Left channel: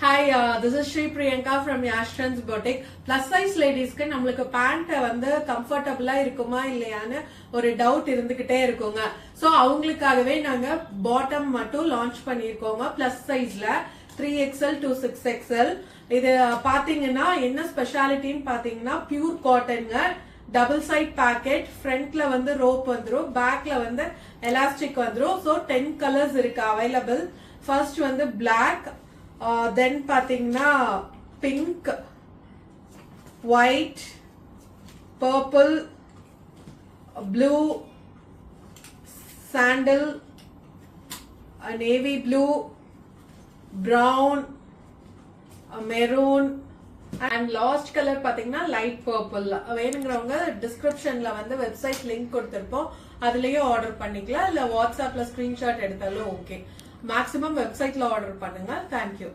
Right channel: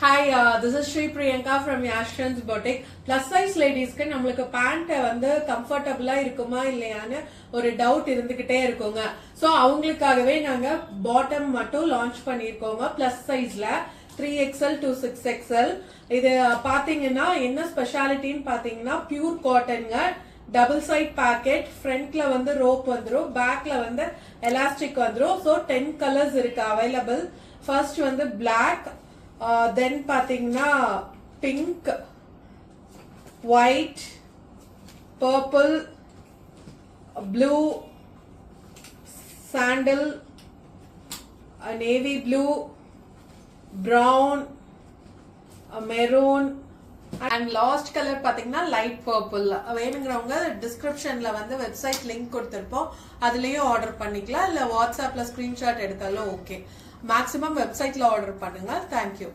Hi, this is Sri Priyanka from Yashran's Boutique. Plus size ladies க்கு நம்மளுக்கு pant வந்து கம்ஃபர்ட்டபிளா இருக்குமா இல்லையான்னு ஒரு டவுட் இருந்துகிட்டே இருக்குங்க. சோ அவங்களுக்காகவே நாங்க பாட்டம் மட்டும் லான்ச் பண்ணிருக்கோங்க பிளஸ் சைஸ்ல 3XL to 6XL. இது பாத்தீங்கன்னா என்ன ஸ்பெஷாலிட்டின்னு பாத்தீங்கன்னா பியூர் காட்டன்ங்க. டபுள் சைட் பாக்கெட், ஃப்ரண்ட்ல வந்து ரோப் வந்துரும், பேக்ல வந்து எலாஸ்டிக் வந்துரும். சோ 10 கலர்ஸ் இருக்கு அவைலபிள். ஃபர்ஸ்ட் வந்து பிளாக், தென் பாத்தீங்கன்னா pink, white, purple, blue, sandal, navy blue, brown, maroon and last colour பாத்தீங்கன்னா லைட் பர்பிள். வேணுங்கிறவங்க டிஸ்கிரிப்ஷன்ல வந்து வெப்சைட் லிங்க் கொடுத்திருப்போம், அதுலயும் ஆர்டர் பண்ணிக்கலாம். இல்ல வாட்ஸ்அப்ல ஸ்கிரீன்ஷாட் எடுத்தாலும் ஓகே. மேக்ஸிமம் வெப்சைட்ல ஆர்டர் பண்ணுங்க. தேங்க்யூ.